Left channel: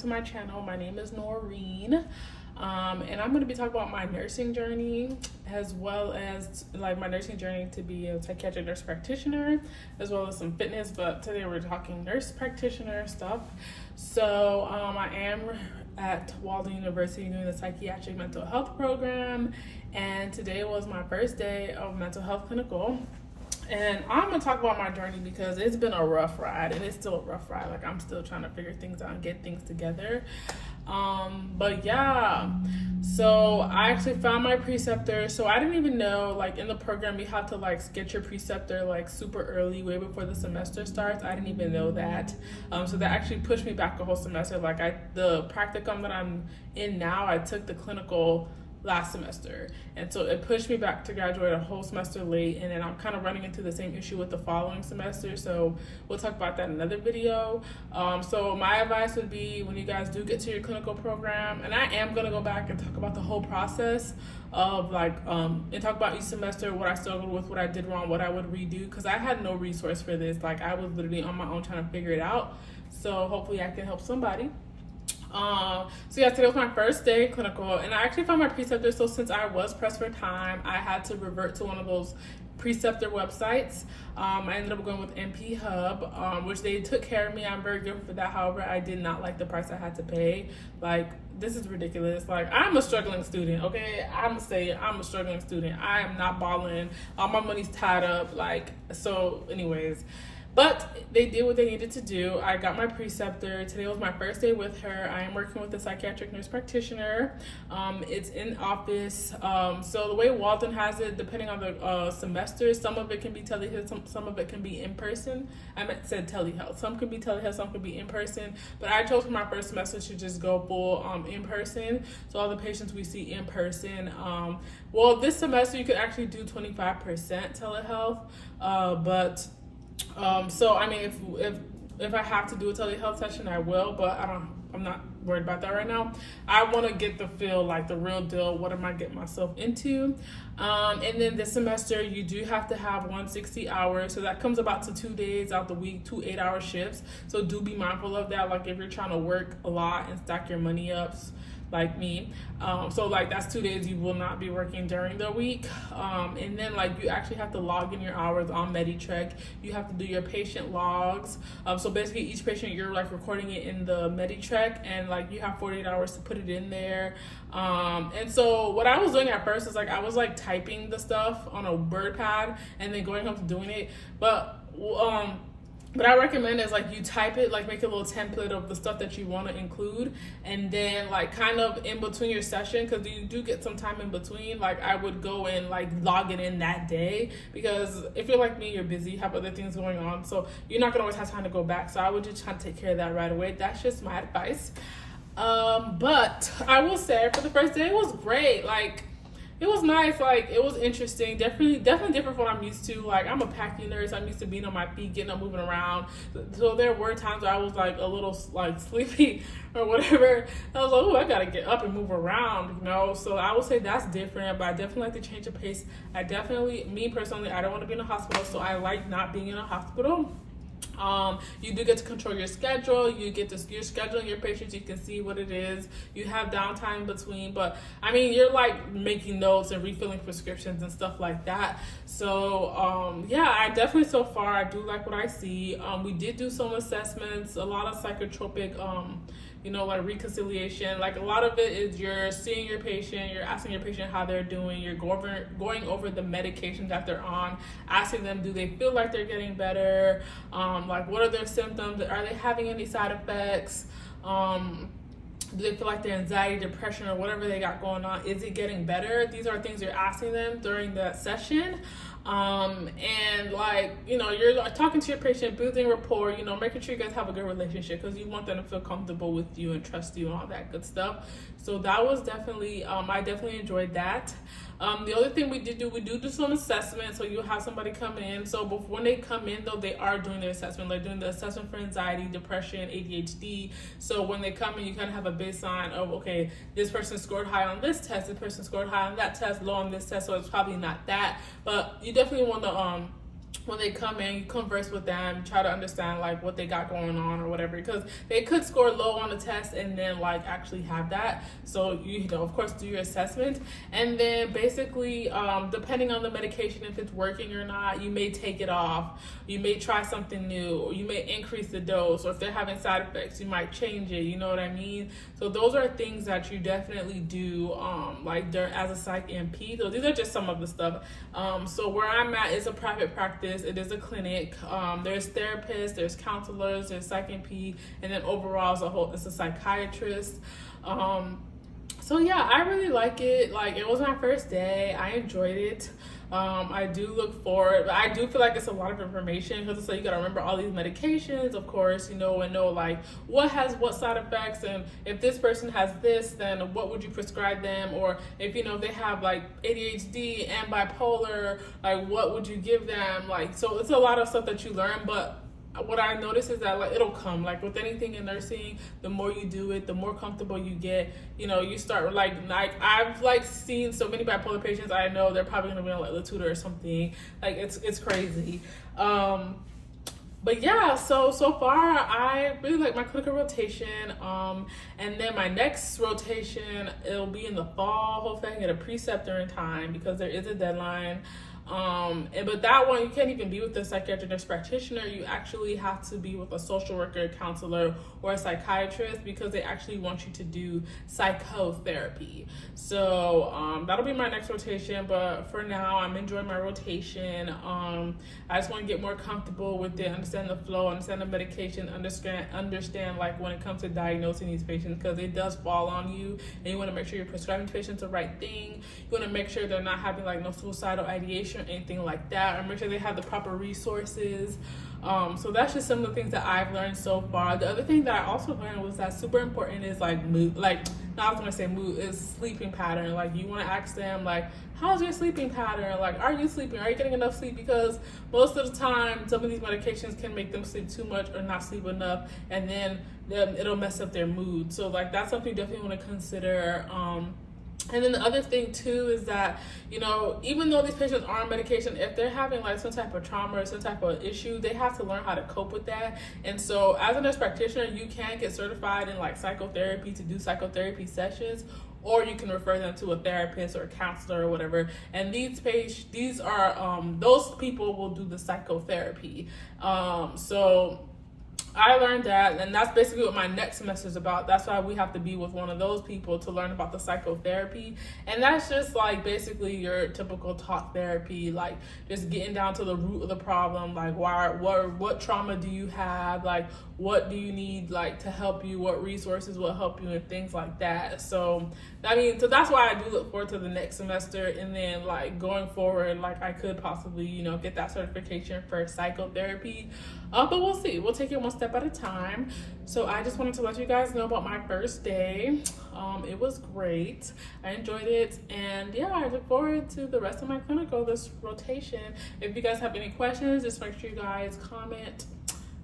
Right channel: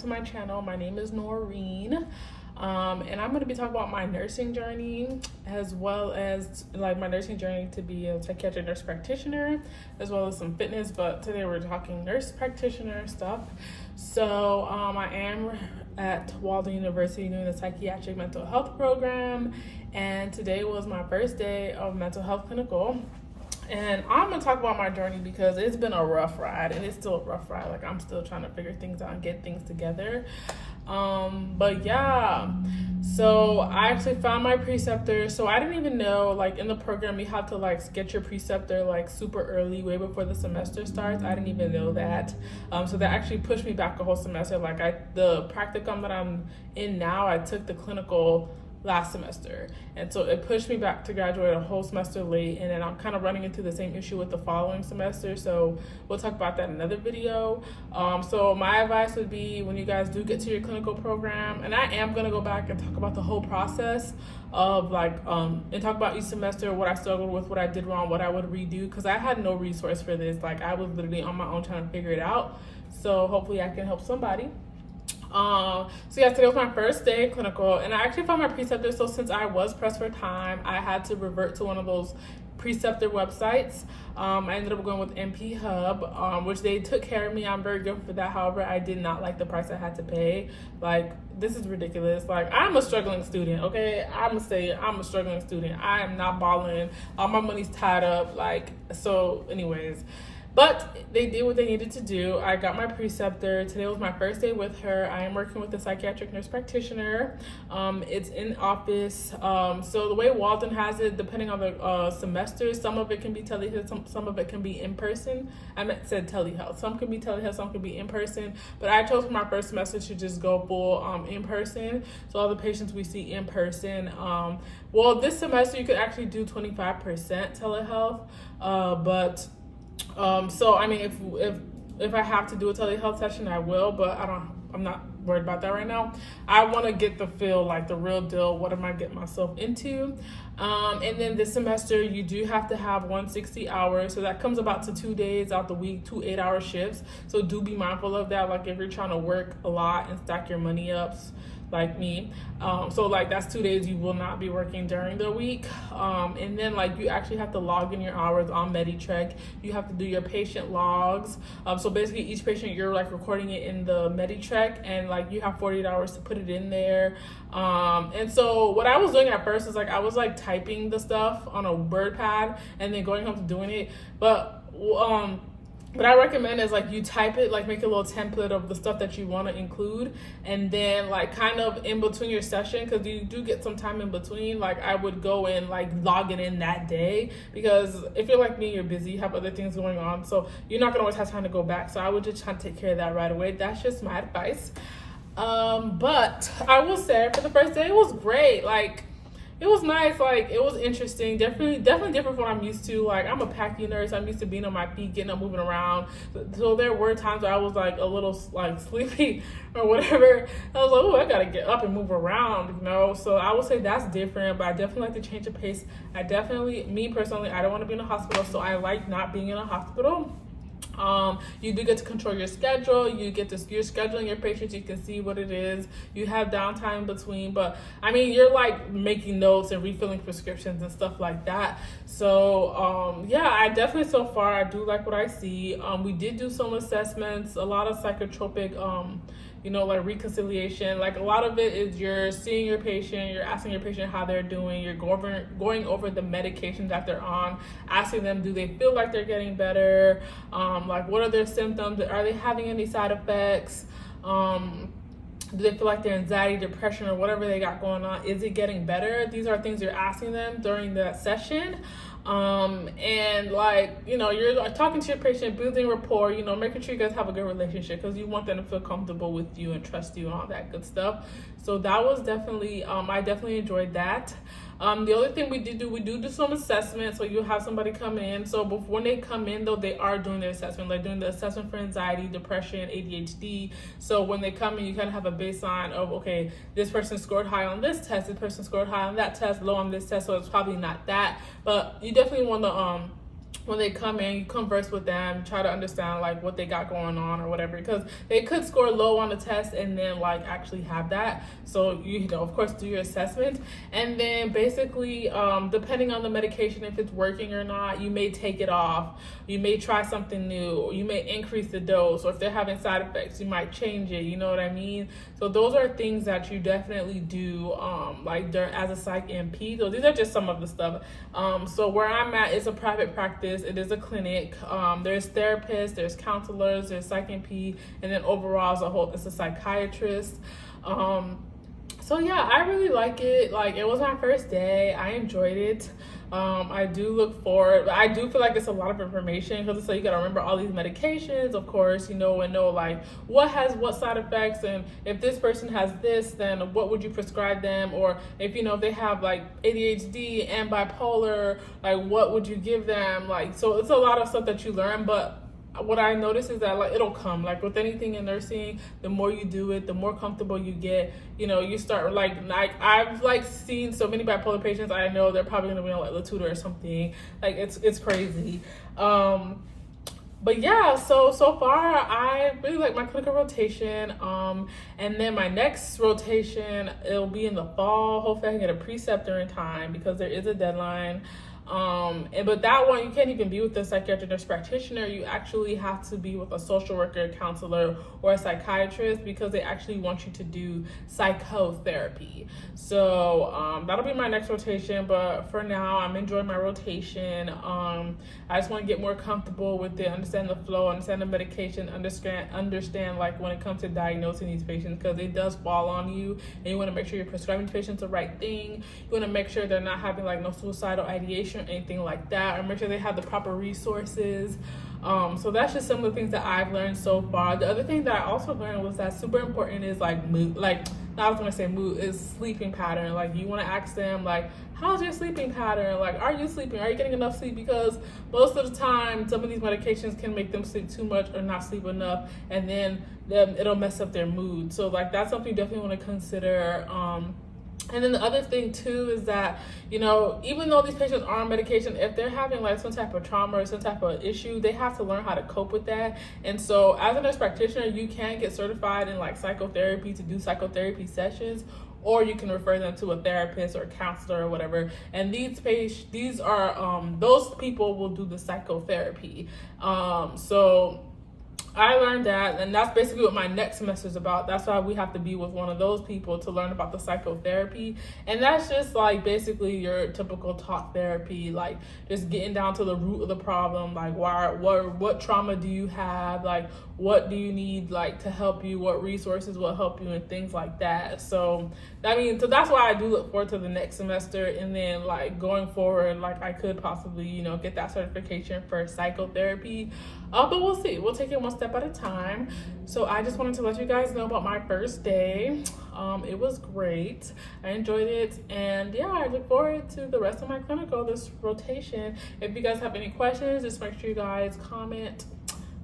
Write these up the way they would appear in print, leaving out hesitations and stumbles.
to my channel. My name is Noreen, and I'm going to be talking about my nursing journey, as well as like my nursing journey to be a psychiatric nurse practitioner, as well as some fitness. But today we're talking nurse practitioner stuff. So I am at Walden University doing the psychiatric mental health program, and today was my first day of mental health clinical. And I'm gonna talk about my journey because it's been a rough ride, and it's still a rough ride. Like, I'm still trying to figure things out and get things together. But yeah, so I actually found my preceptor. So I didn't even know, like, in the program you have to like get your preceptor like super early, way before the semester starts. I didn't even know that. So that actually pushed me back a whole semester. Like, the practicum that I'm in now, I took the clinical last semester, and so it pushed me back to graduate a whole semester late, and then I'm kind of running into the same issue with the following semester, so we'll talk about that in another video. So my advice would be, when you guys do get to your clinical program, and I am going to go back and talk about the whole process of like and talk about each semester, what I struggled with, what I did wrong, what I would redo, because I had no resource for this. Like, I was literally on my own trying to figure it out, so hopefully I can help somebody. So yeah, today was my first day clinical, and I actually found my preceptor. So since I was pressed for time, I had to revert to one of those preceptor websites. I ended up going with NP Hub, which they took care of me. I'm very grateful for that. However, I did not like the price I had to pay. Like, this is ridiculous. Like, I'm a struggling student, okay? I'm gonna say I'm a struggling student. I am not balling. All my money's tied up. Like, so anyways, but they did what they needed to do. I got my preceptor. Today was my first day with her. I am working with a psychiatric nurse practitioner. It's in office. So the way Walden has it, depending on the semester, some of it can be telehealth, some of it can be in person. Said telehealth. Some can be telehealth, some can be in person. But I chose for my first semester to just go full in person. So all the patients we see in person. Well, this semester you could actually do 25% telehealth, but so I mean, if I have to do a telehealth session, I will, but I'm not worried about that right now. I want to get the feel, like the real deal. What am I getting myself into? And then this semester you do have to have 160 hours, so that comes about to 2 days out the week, 2 8-hour shifts. So do be mindful of that. Like, if you're trying to work a lot and stack your money up, like me, so like that's 2 days you will not be working during the week. And then like you actually have to log in your hours on MediTrek. You have to do your patient logs. So basically each patient, you're like recording it in the MediTrek, and like you have 48 hours to put it in there. And so what I was doing at first is like I was like typing the stuff on a word pad and then going home to doing it. But what I recommend is like you type it, like make a little template of the stuff that you want to include, and then like kind of in between your session, because you do get some time in between, like I would go and like log it in that day, because if you're like me, you're busy, you have other things going on, so you're not gonna always have time to go back. So I would just try to take care of that right away. That's just my advice. But I will say for the first day it was great. Like, it was nice. Like, it was interesting. Definitely different from what I'm used to. Like, I'm a PACU nurse. I'm used to being on my feet, getting up, moving around. So there were times where I was like a little like sleepy or whatever. I was like, oh, I gotta get up and move around, you know. So I would say that's different. But I definitely like to change the pace. Me personally, I don't want to be in a hospital, so I like not being in a hospital. You do get to control your schedule. You're scheduling your patients. You can see what it is. You have downtime between, but I mean, you're like making notes and refilling prescriptions and stuff like that. So yeah, I definitely, so far, I do like what I see. We did do some assessments, a lot of psychotropic, like reconciliation. Like, a lot of it is you're seeing your patient, you're asking your patient how they're doing, you're going over the medications that they're on, asking them, do they feel like they're getting better? Like, what are their symptoms? Are they having any side effects? Do they feel like their anxiety, depression, or whatever they got going on, is it getting better? These are things you're asking them during the session. And like, you're talking to your patient, building rapport, making sure you guys have a good relationship, because you want them to feel comfortable with you and trust you and all that good stuff. So that was definitely, I definitely enjoyed that. The other thing we do some assessment. So you have somebody come in. So when they come in, though, they are doing their assessment. They're doing the assessment for anxiety, depression, ADHD. So when they come in, you kind of have a baseline of, okay, this person scored high on this test, this person scored high on that test, low on this test, so it's probably not that. But you definitely want to when they come in, you converse with them, try to understand like what they got going on or whatever, because they could score low on the test and then like actually have that. So you know, of course, do your assessment, and then basically depending on the medication, if it's working or not, you may take it off, you may try something new, or you may increase the dose, or if they're having side effects, you might change it, you know what I mean? So those are things that you definitely do like as a psych NP. So these are just some of the stuff. So where I'm at is a private practice. It is a clinic. There's therapists, there's counselors, there's psych NP, and then overall as a whole, it's a psychiatrist. So yeah, I really like it. Like, it was my first day. I enjoyed it. I do look forward, but I do feel like it's a lot of information, because it's like you gotta remember all these medications, of course, you know, and know like what has what side effects, and if this person has this, then what would you prescribe them, or if you know if they have like ADHD and bipolar, like what would you give them? Like, so it's a lot of stuff that you learn, but what I notice is that like it'll come, like with anything in nursing, the more you do it, the more comfortable you get. You know, you start like I've like seen so many bipolar patients. I know they're probably gonna be on like Latuda or something. Like it's crazy. But yeah, so far I really like my clinical rotation. And then my next rotation, it'll be in the fall. Hopefully I can get a preceptor in time, because there is a deadline. But that one, you can't even be with a psychiatric nurse practitioner. You actually have to be with a social worker, counselor, or a psychiatrist, because they actually want you to do psychotherapy. So that'll be my next rotation. But for now, I'm enjoying my rotation. I just want to get more comfortable with it, understand the flow, understand the medication, understand like when it comes to diagnosing these patients, because it does fall on you, and you want to make sure you're prescribing patients the right thing. You want to make sure they're not having like no suicidal ideation or anything like that, or make sure they have the proper resources. So that's just some of the things that I've learned so far. The other thing that I also learned was that super important is like mood, like I was gonna say mood, is sleeping pattern. Like you want to ask them like, how's your sleeping pattern? Like, are you sleeping? Are you getting enough sleep? Because most of the time some of these medications can make them sleep too much or not sleep enough, and then it'll mess up their mood. So like that's something you definitely want to consider. And then the other thing too is that, you know, even though these patients are on medication, if they're having like some type of trauma or some type of issue, they have to learn how to cope with that. And so as a nurse practitioner, you can get certified in like psychotherapy to do psychotherapy sessions, or you can refer them to a therapist or a counselor or whatever. And these are those people will do the psychotherapy. So I learned that, and that's basically what my next semester is about. That's why we have to be with one of those people to learn about the psychotherapy. And that's just like basically your typical talk therapy, like just getting down to the root of the problem. Like what trauma do you have? Like what do you need like to help you? What resources will help you, and things like that. So so that's why I do look forward to the next semester, and then like going forward, like I could possibly, you know, get that certification for psychotherapy. But we'll see. We'll take it one step at a time. So I just wanted to let you guys know about my first day. It was great. I enjoyed it, and yeah, I look forward to the rest of my clinical, this rotation. If you guys have any questions, just make sure you guys comment.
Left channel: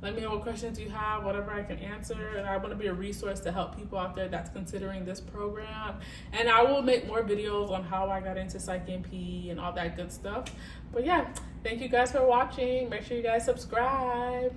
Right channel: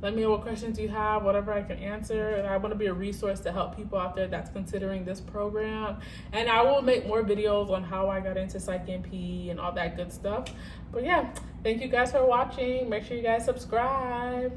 Let me know what questions you have, whatever I can answer. And I want to be a resource to help people out there that's considering this program. And I will make more videos on how I got into Psych NP and all that good stuff. But yeah, thank you guys for watching. Make sure you guys subscribe.